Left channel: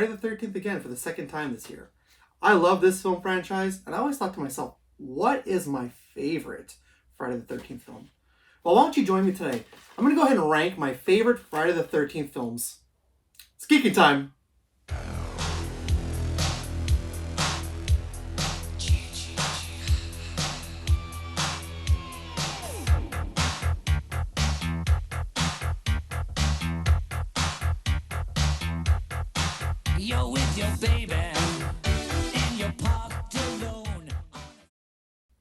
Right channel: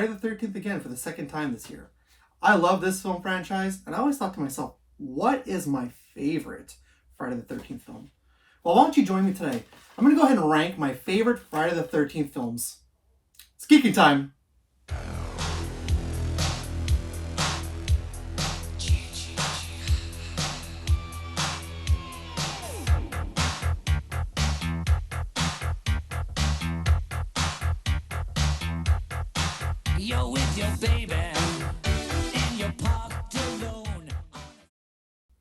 Friday the 13th again for the second time this year. I love this film franchise, and I always thought to myself, what is my favorite Friday the 13th film? Well, why don't you join me today? I'm going to go ahead and rank my favorite Friday the 13th films. It's geeky time. You're with your baby and you're parked alone.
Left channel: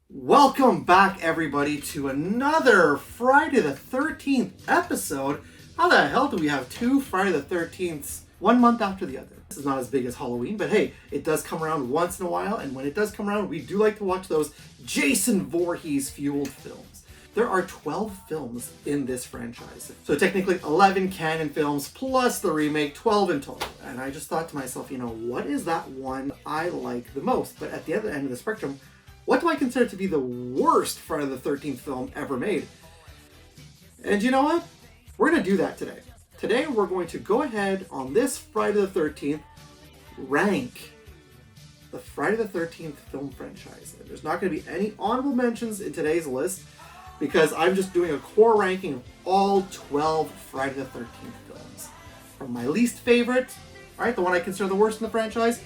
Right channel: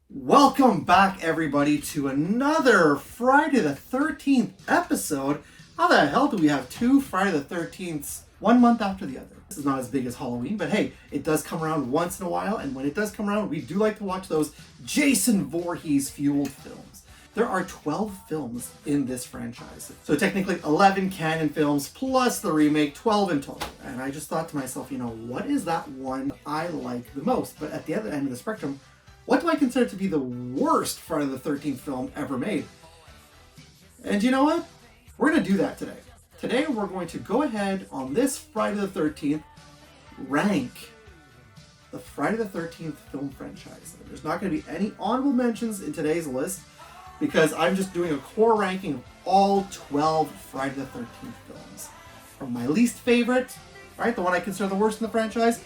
Welcome back, everybody, to another Friday the 13th episode. How the hell do we have two Friday the 13ths 1 month after the other? This is not as big as Halloween, but hey, it does come around once in a while, and when it does come around, we do like to watch those Jason Voorhees-fueled films. There are 12 films in this franchise. So technically 11 canon films plus the remake, 12 in total. And I just thought to myself, what is that one I like the most? But at the other end of the spectrum, what do I consider to be the worst Friday the 13th film ever made? And you know what? We're going to do that today. Today we're going to go ahead on this Friday the 13th, rank the Friday the 13th film franchise. There's not going to be any honorable mentions in today's list, because I'm just doing a core ranking of all 12 Friday the 13th films. From my least favorite, right, the one I consider the worst in the franchise,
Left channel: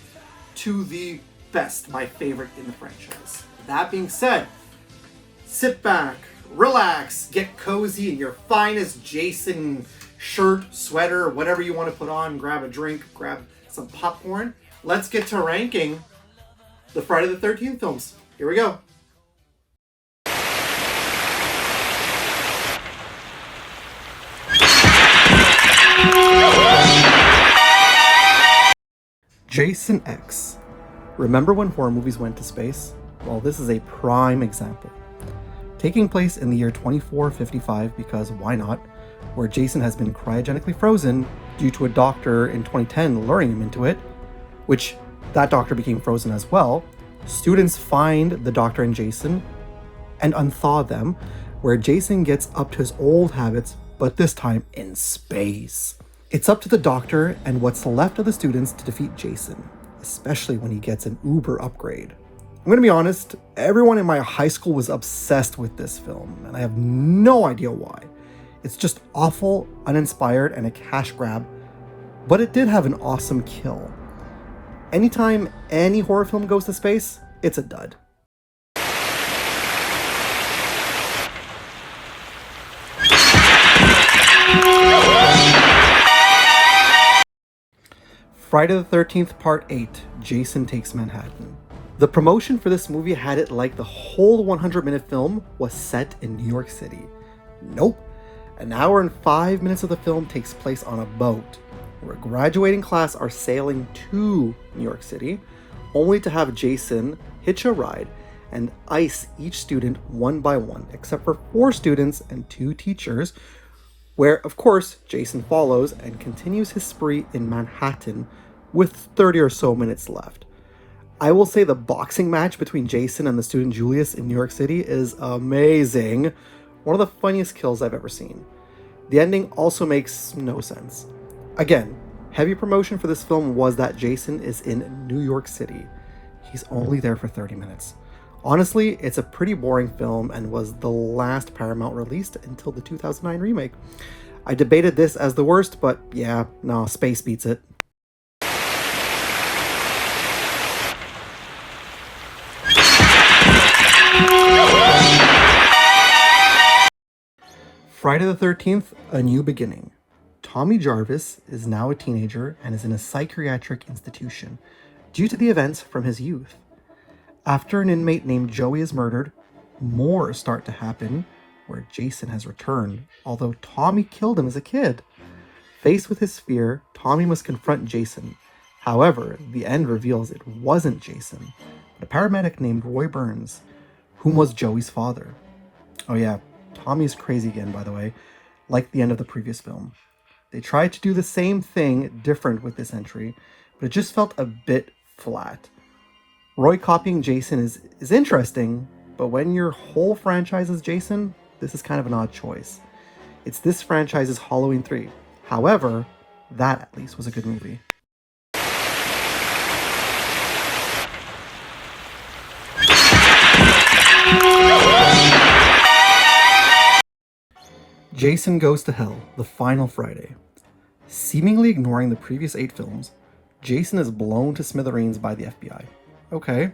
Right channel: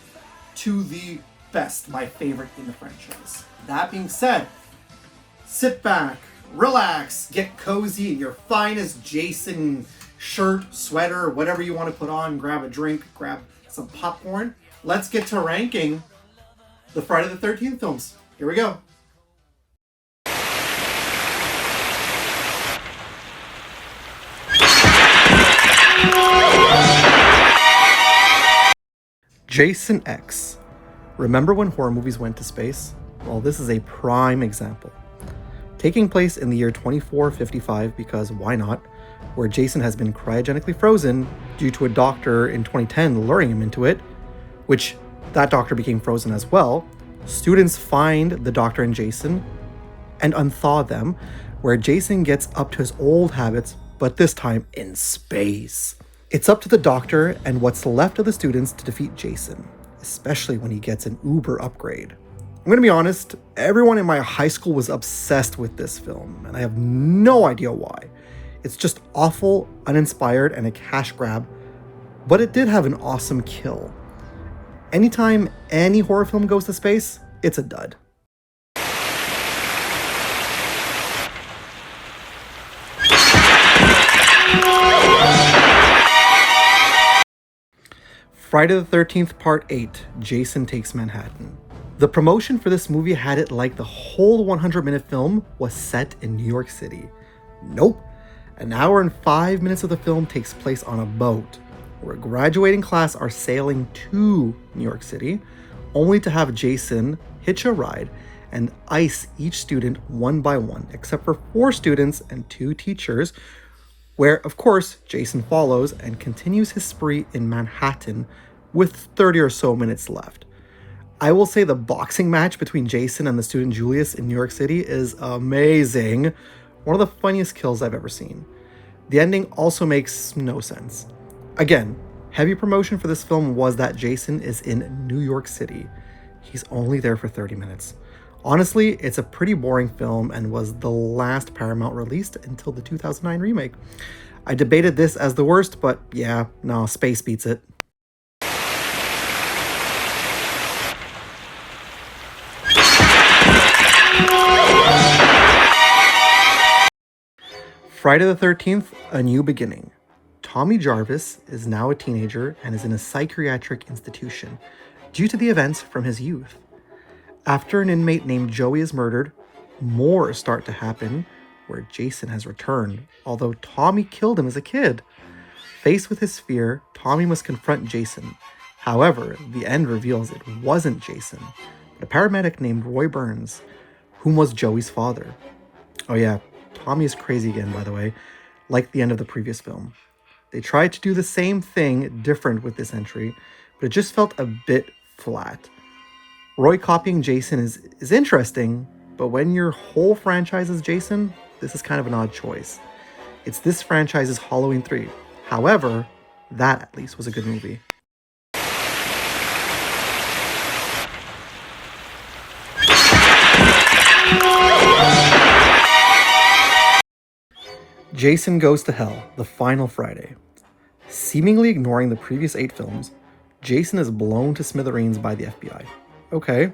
to the best, my favorite in the franchise. That being said, sit back, relax, get cozy in your finest Jason shirt, sweater, whatever you want to put on, grab a drink, grab some popcorn. Let's get to ranking the Friday the 13th films. Here we go. Jason X. Remember when horror movies went to space? Well, this is a prime example. Taking place in the year 2455, because why not, where Jason has been cryogenically frozen due to a doctor in 2010 luring him into it, which that doctor became frozen as well. Students find the doctor and Jason and unthaw them, where Jason gets up to his old habits, but this time in space. It's up to the doctor and what's left of the students to defeat Jason, especially when he gets an Uber upgrade. I'm going to be honest, everyone in my high school was obsessed with this film, and I have no idea why. It's just awful, uninspired, and a cash grab, but it did have an awesome kill. Anytime any horror film goes to space, it's a dud. Friday the 13th Part 8, Jason Takes Manhattan. The promotion for this movie had it like the whole 100-minute film was set in New York City. Nope. An hour and 5 minutes of the film takes place on a boat, where a graduating class are sailing to New York City, only to have Jason hitch a ride and ice each student one by one, except for 4 students and 2 teachers, where, of course, Jason follows and continues his spree in Manhattan with 30 or so minutes left. I will say the boxing match between Jason and the student Julius in New York City is amazing. One of the funniest kills I've ever seen. The ending also makes no sense. Again, heavy promotion for this film was that Jason is in New York City. He's only there for 30 minutes. Honestly, it's a pretty boring film and was the last Paramount released until the 2009 remake. I debated this as the worst, but yeah, no, space beats it. Friday the 13th, A New Beginning. Tommy Jarvis is now a teenager and is in a psychiatric institution due to the events from his youth. After an inmate named Joey is murdered, more start to happen where Jason has returned, although Tommy killed him as a kid. Faced with his fear, Tommy must confront Jason. However, the end reveals it wasn't Jason, but a paramedic named Roy Burns, whom was Joey's father. Oh yeah, Tommy is crazy again, by the way, like the end of the previous film. They tried to do the same thing different with this entry, but it just felt a bit flat. Roy copying Jason is interesting, but when your whole franchise is Jason, this is kind of an odd choice. It's this franchise's Halloween 3. However, that at least was a good movie. Jason Goes to Hell, the final Friday. Seemingly ignoring the previous 8 films, Jason is blown to smithereens by the FBI. Okay.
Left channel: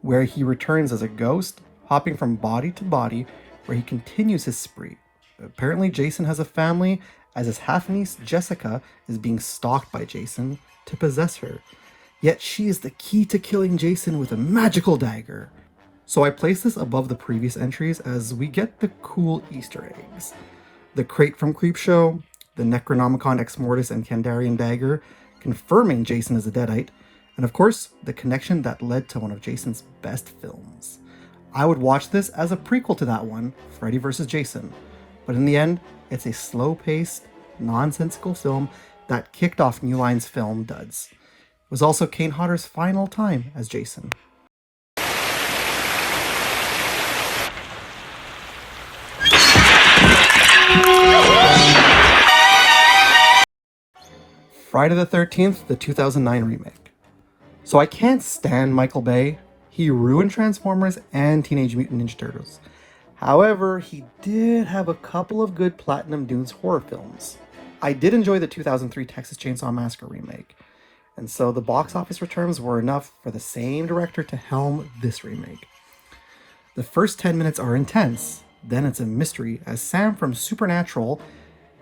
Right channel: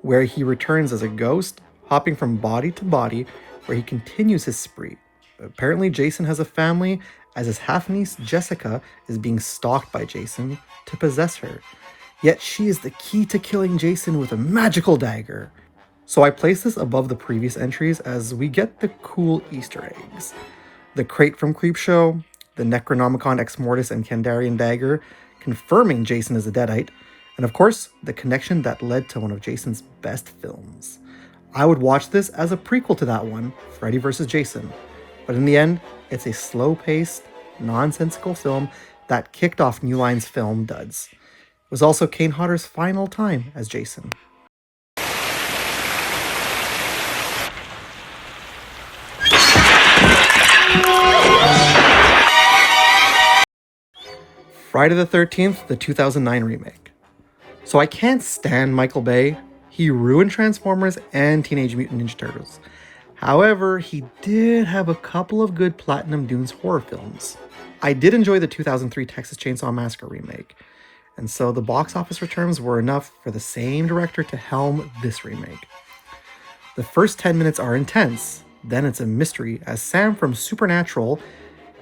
Where he returns as a ghost, hopping from body to body, where he continues his spree. Apparently, Jason has a family, as his half-niece Jessica is being stalked by Jason to possess her. Yet she is the key to killing Jason with a magical dagger. So I place this above the previous entries as we get the cool Easter eggs. The crate from Creepshow, the Necronomicon Ex Mortis and Kandarian dagger, confirming Jason is a Deadite, and of course, the connection that led to one of Jason's best films. I would watch this as a prequel to that one, Freddy vs. Jason, but in the end, it's a slow-paced, nonsensical film that kicked off New Line's film duds. It was also Kane Hodder's final time as Jason. Friday the 13th, the 2009 remake. So I can't stand Michael Bay. He ruined Transformers and Teenage Mutant Ninja Turtles. However, he did have a couple of good Platinum Dunes horror films. I did enjoy the 2003 Texas Chainsaw Massacre remake, and so the box office returns were enough for the same director to helm this remake. The first 10 minutes are intense, then it's a mystery as Sam from Supernatural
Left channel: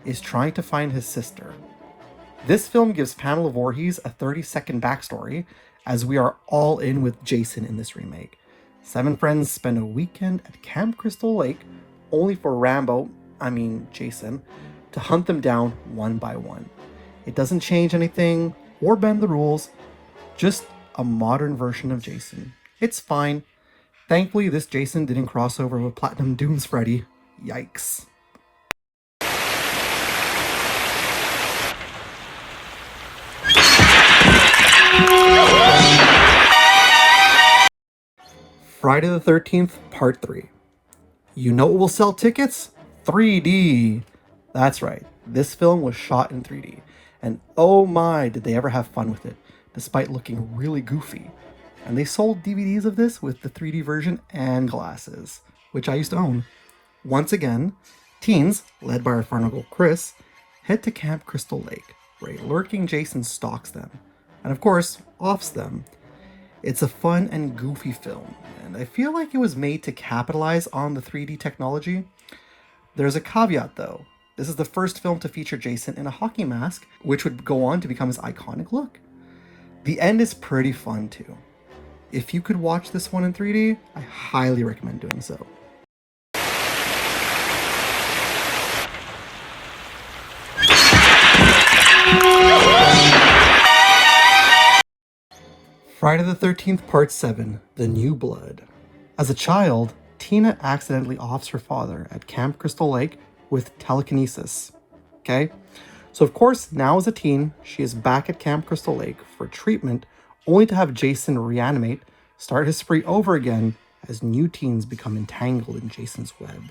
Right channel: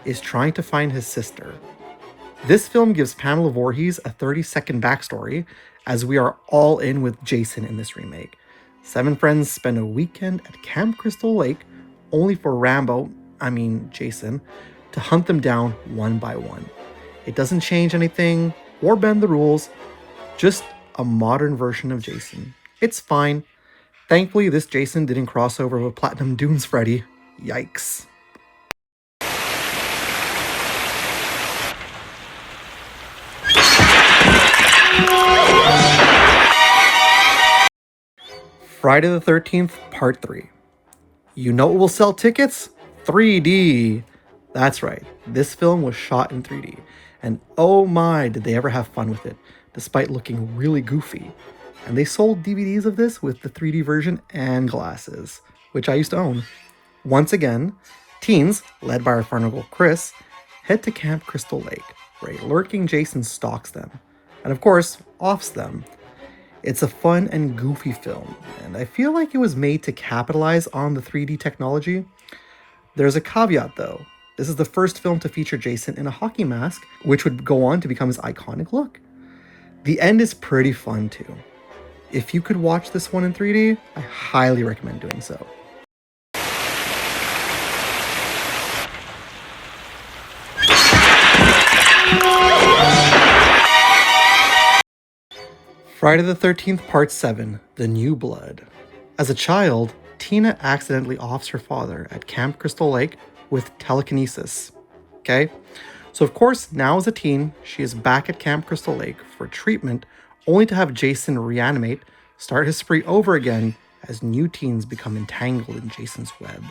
is trying to find his sister. This film gives Pamela Voorhees a 30-second backstory, as we are all in with Jason in this remake. 7 friends spend a weekend at Camp Crystal Lake, only for Jason, to hunt them down one by one. It doesn't change anything or bend the rules, just a modern version of Jason. It's fine. Thankfully, this Jason didn't cross over with Platinum Dunes Freddy. Yikes. Friday the 13th, Part 3. You know what will sell tickets? 3D. That's right, this film was shot in 3D, and oh my, did they ever have fun with it, despite looking really goofy. And they sold DVDs of this with the 3D version and glasses, which I used to own. Once again, teens, led by our fun uncle Chris, head to Camp Crystal Lake, where a lurking Jason stalks them, and of course, offs them. It's a fun and goofy film, and I feel like it was made to capitalize on the 3D technology. There's a caveat though. This is the first film to feature Jason in a hockey mask, which would go on to become his iconic look. The end is pretty fun too. If you could watch this one in 3D, I highly recommend doing so. Friday the 13th, Part 7, The New Blood. As a child, Tina accidentally offs her father at Camp Crystal Lake with telekinesis. Okay? So of course, now as a teen, she is back at Camp Crystal Lake for treatment, only to have Jason reanimate, start his spree over again as new teens become entangled in Jason's web.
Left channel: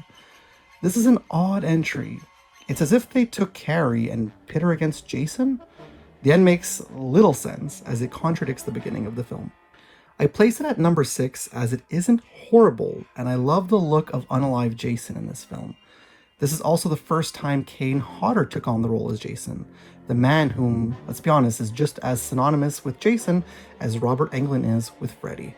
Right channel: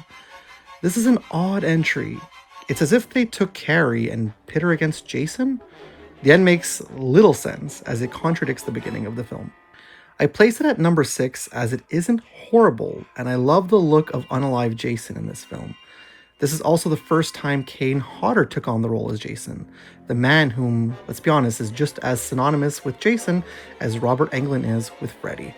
This is an odd entry. It's as if they took Carrie and pit her against Jason. The end makes little sense, as it contradicts the beginning of the film. I place it at number 6 as it isn't horrible, and I love the look of unalive Jason in this film. This is also the first time Kane Hodder took on the role as Jason, the man whom, let's be honest, is just as synonymous with Jason as Robert Englund is with Freddy.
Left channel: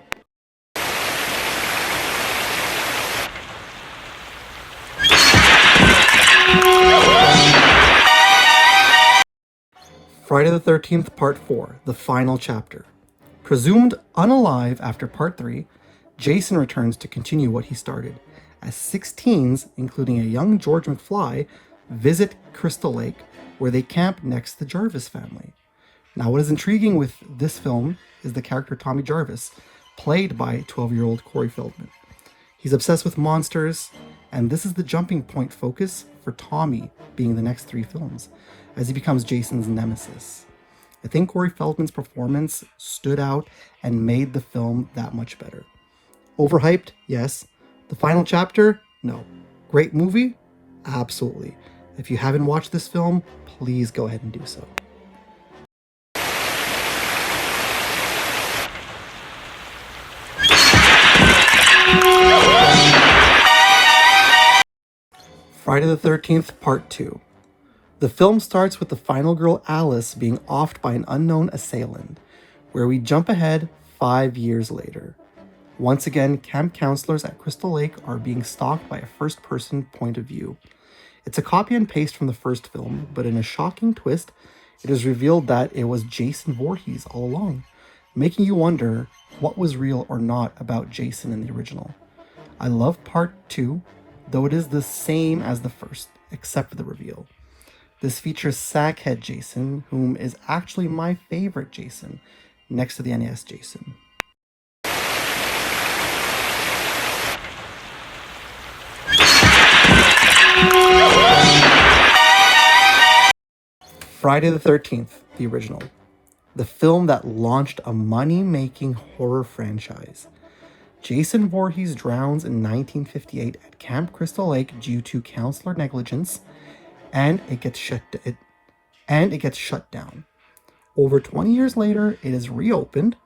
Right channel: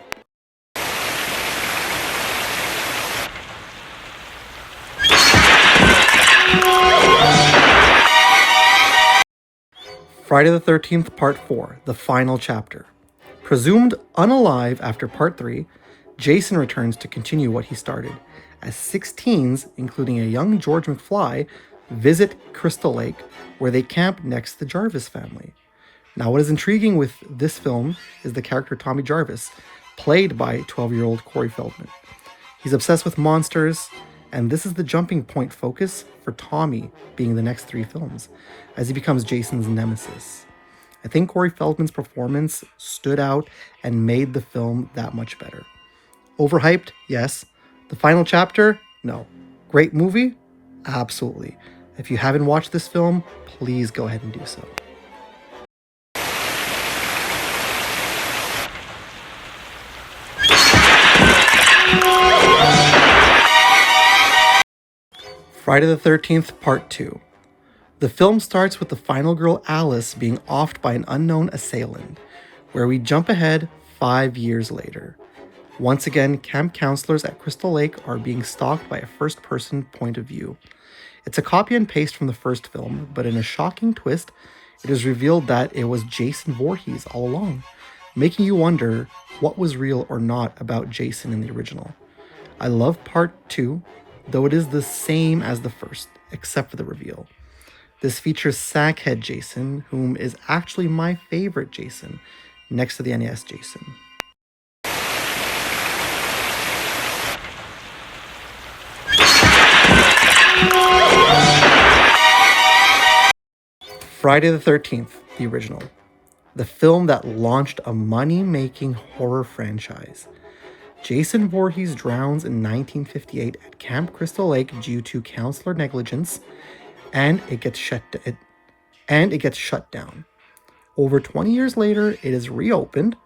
Friday the 13th, Part 4, The Final Chapter. Presumed unalive after Part 3, Jason returns to continue what he started, as 6 teens, including a young George McFly, visit Crystal Lake, where they camp next to the Jarvis family. Now, what is intriguing with this film is the character Tommy Jarvis, played by 12-year-old Corey Feldman. He's obsessed with monsters, and this is the jumping point focus for Tommy being the next 3 films, as he becomes Jason's nemesis. I think Corey Feldman's performance stood out and made the film that much better. Overhyped? Yes. The final chapter? No. Great movie? Absolutely. If you haven't watched this film, please go ahead and do so. Friday the 13th, Part 2. The film starts with the final girl Alice being offed by an unknown assailant, where we jump ahead 5 years later. Once again, camp counselors at Crystal Lake are being stalked by a first-person point of view. It's a copy and paste from the first film, but in a shocking twist, it is revealed that it was Jason Voorhees all along, making you wonder what was real or not about Jason in the original. I love Part 2, though it is the same as the first, except for the reveal. This features Sackhead Jason, whom is actually my favorite Jason, next to the NES Jason. Friday the 13th, the original. The film that launched a money-making horror franchise. Jason Voorhees drowns in 1958 at Camp Crystal Lake due to counselor negligence, and it gets shut down. Over 20 years later, it is reopened,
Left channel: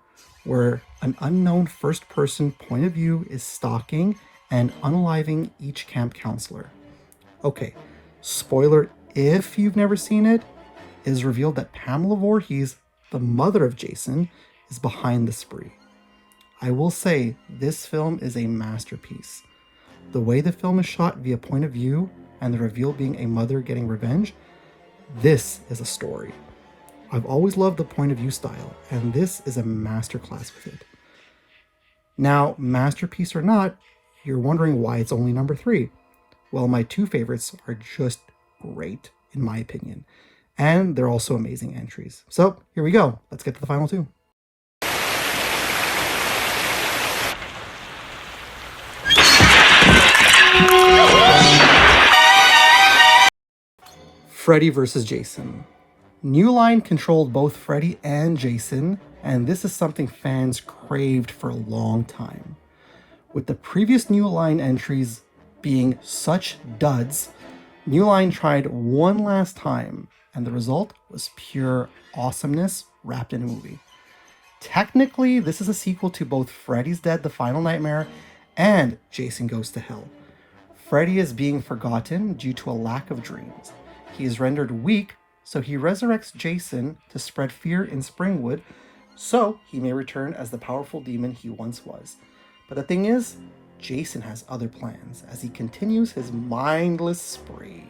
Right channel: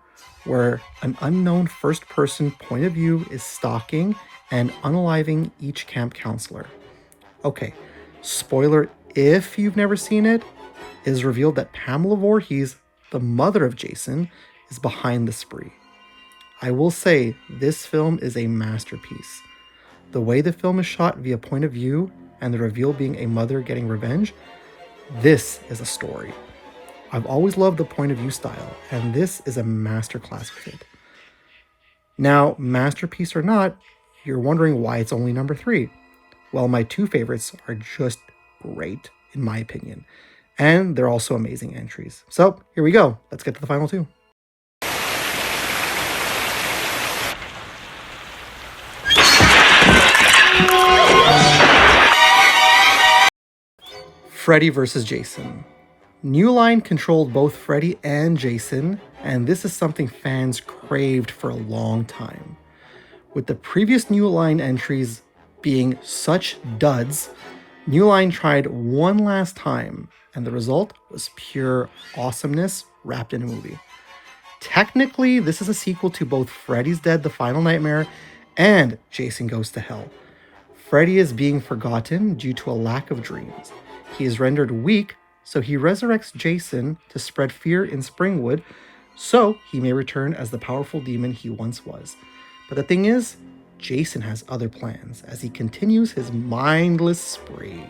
where an unknown first-person point of view is stalking and unaliving each camp counselor. Okay, spoiler if you've never seen it, it is revealed that Pamela Voorhees, the mother of Jason, is behind the spree. I will say, this film is a masterpiece. The way the film is shot via point of view, and the reveal being a mother getting revenge, this is a story. I've always loved the point of view style, and this is a masterclass with it. Now, masterpiece or not, you're wondering why it's only number 3. Well, my 2 favorites are just great, in my opinion. And they're also amazing entries. So, here we go. Let's get to the final 2. Freddy vs. Jason. New Line controlled both Freddy and Jason, and this is something fans craved for a long time. With the previous New Line entries being such duds, New Line tried one last time, and the result was pure awesomeness wrapped in a movie. Technically, this is a sequel to both Freddy's Dead: The Final Nightmare and Jason Goes to Hell. Freddy is being forgotten due to a lack of dreams. He is rendered weak, so he resurrects Jason to spread fear in Springwood, so he may return as the powerful demon he once was. But the thing is, Jason has other plans as he continues his mindless spree.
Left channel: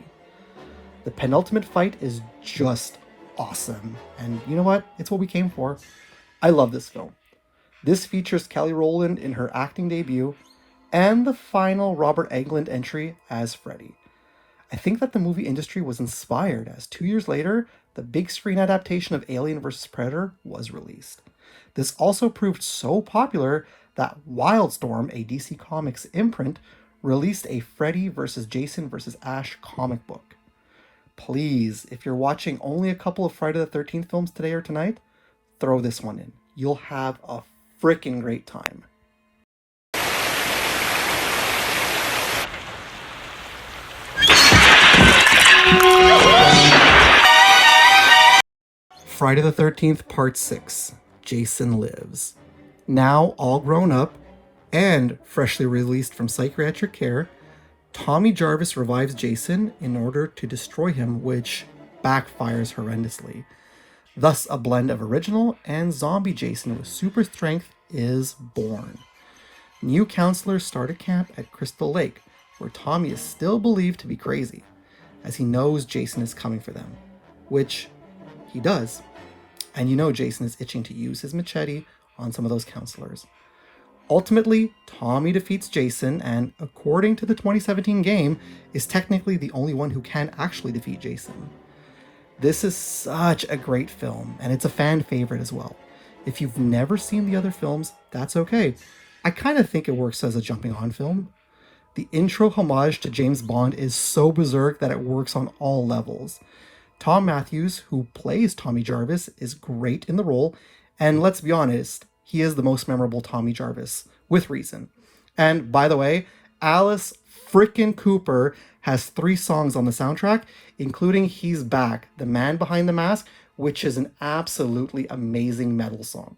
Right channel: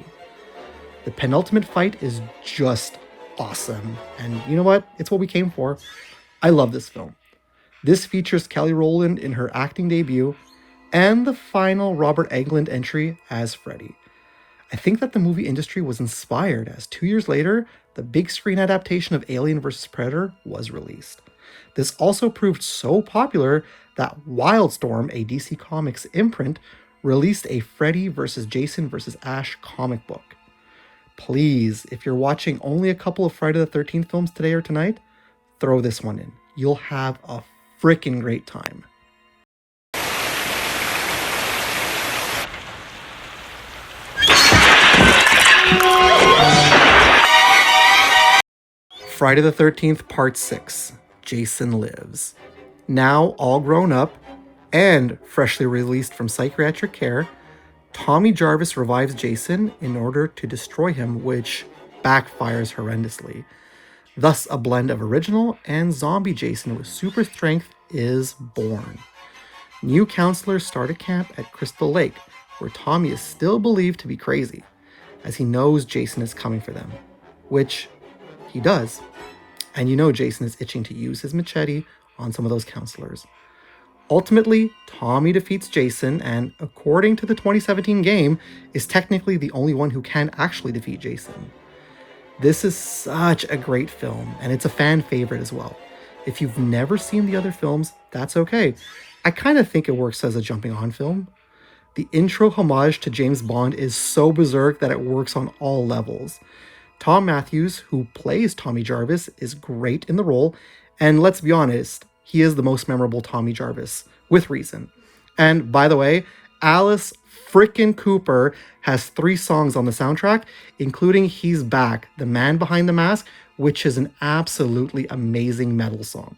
The penultimate fight is just awesome, and you know what? It's what we came for. I love this film. This features Kelly Rowland in her acting debut, and the final Robert Englund entry as Freddy. I think that the movie industry was inspired as 2 years later, the big screen adaptation of Alien vs. Predator was released. This also proved so popular that Wildstorm, a DC Comics imprint, released a Freddy vs. Jason vs. Ash comic book. Please, if you're watching only a couple of Friday the 13th films today or tonight, throw this one in. You'll have a freaking great time. Friday the 13th, Part 6, Jason Lives. Now all grown up and freshly released from psychiatric care, Tommy Jarvis revives Jason in order to destroy him, which backfires horrendously. Thus, a blend of original and zombie Jason with super strength is born. New counselors start a camp at Crystal Lake, where Tommy is still believed to be crazy, as he knows Jason is coming for them, which he does. And you know Jason is itching to use his machete on some of those counselors. Ultimately, Tommy defeats Jason, and according to the 2017 game, is technically the only one who can actually defeat Jason. This is such a great film, and it's a fan favorite as well. If you've never seen the other films, that's okay. I kind of think it works as a jumping on film. The intro homage to James Bond is so berserk that it works on all levels. Tom Matthews, who plays Tommy Jarvis, is great in the role, and let's be honest, he is the most memorable Tommy Jarvis, with reason. And by the way, Alice frickin' Cooper has 3 songs on the soundtrack, including He's Back, The Man Behind the Mask, which is an absolutely amazing metal song.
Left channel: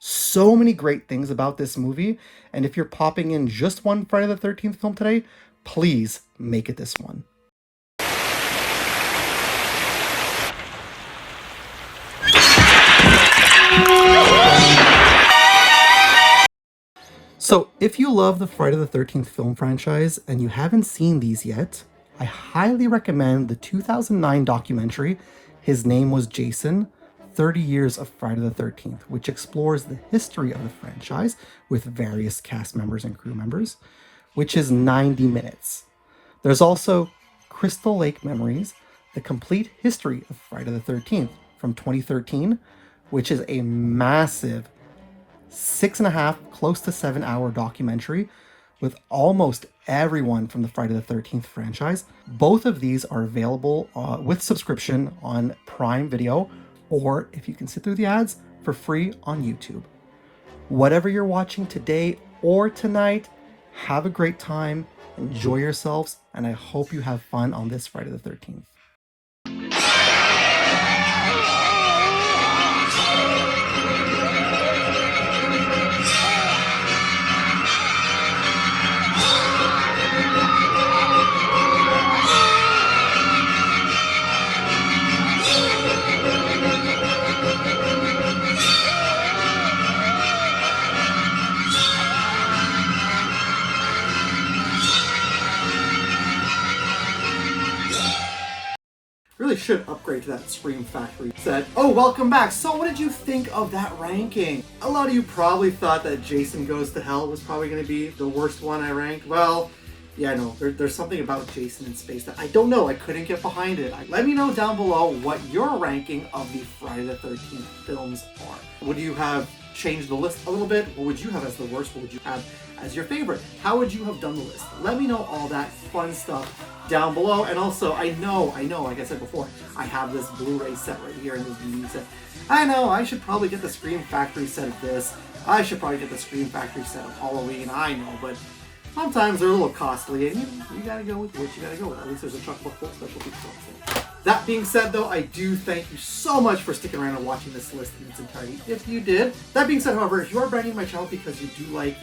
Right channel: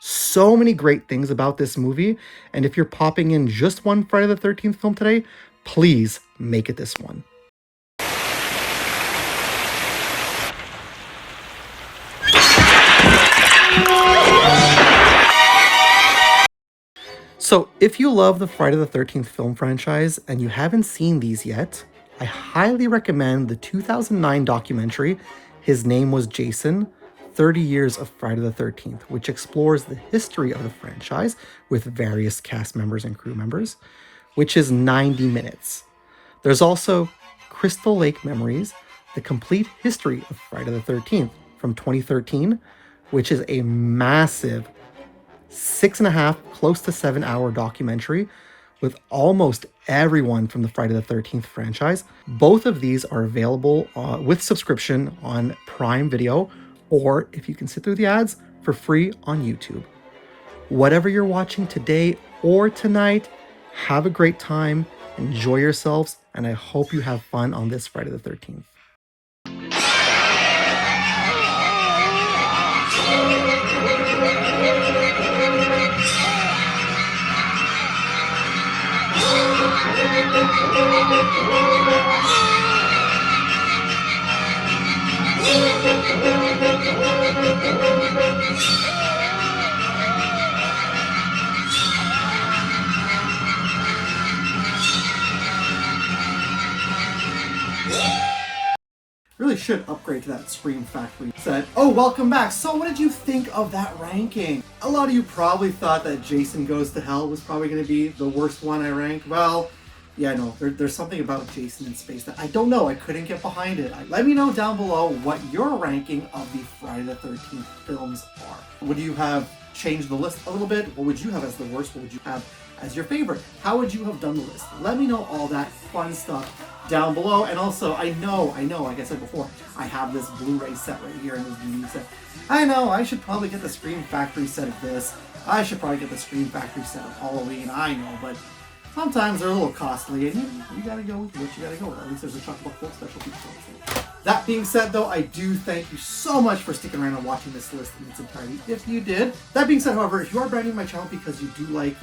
So many great things about this movie, and if you're popping in just one Friday the 13th film today, Please make it this one. So, if you love the Friday the 13th film franchise and you haven't seen these yet, I highly recommend the 2009 documentary, His Name Was Jason, 30 Years of Friday the 13th, which explores the history of the franchise with various cast members and crew members, which is 90 minutes. There's also Crystal Lake Memories, the complete history of Friday the 13th from 2013, which is a massive 6.5, close to 7 hour documentary with almost everyone from the Friday the 13th franchise. Both of these are available with subscription on Prime Video, or if you can sit through the ads, for free on YouTube. Whatever you're watching today or tonight, have a great time, enjoy yourselves, and I hope you have fun on this Friday the 13th. Really should upgrade to that Scream Factory set. Oh, welcome back. So what did you think of that ranking? A lot of you probably thought that Jason Goes to Hell was probably going to be the worst one I ranked. Well, yeah, no, there's something about Jason in space that I don't know. I couldn't get behind it. Let me know down below what your ranking of the Friday the 13th films are. Would you have changed the list a little bit? What would you have as the worst? What would you have as your favorite? How would you have done the list? Let me know all that fun stuff down below. And also, I know, like I said before, I have this Blu-ray set right here and this DVD set. I know, I should probably get the Scream Factory set of this. I should probably get the Scream Factory set of Halloween. I know, but sometimes they're a little costly, and you gotta go with what you gotta go with. At least there's a couple of special people. That being said, though, I do thank you so much for sticking around and watching this list in its entirety, if you did. That being said, however, if you are brand new to my channel because you do like,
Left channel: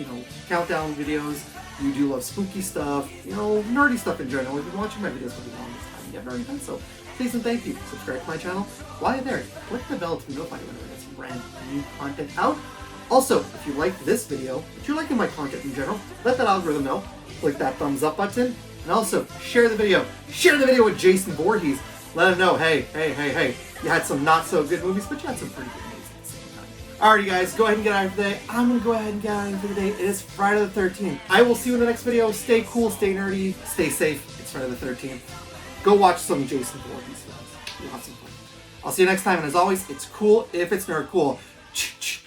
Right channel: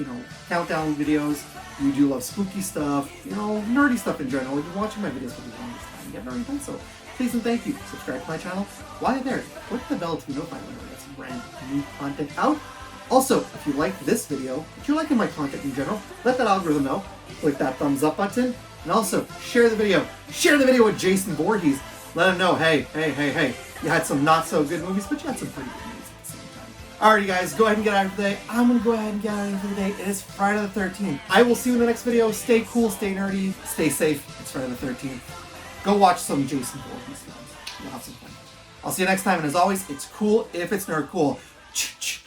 countdown videos, you do love spooky stuff, nerdy stuff in general, you've been watching my videos for the longest time, you have already done so, please and thank you. Subscribe to my channel. While you're there, click the bell to be notified whenever I get some brand new content out. Also, if you liked this video, if you're liking my content in general, let that algorithm know. Click that thumbs up button, and also share the video. Share the video with Jason Voorhees. Let him know, hey, you had some not so good movies, but you had some pretty good movies at the same time. Alrighty guys, go ahead and get out of today. I'm gonna go ahead and get out of for the day. It is Friday the 13th. I will see you in the next video. Stay cool, stay nerdy, stay safe. It's Friday the 13th. Go watch some Jason Voorhees films. You'll have some fun. I'll see you next time, and as always, it's cool if it's nerd cool. Ch-ch.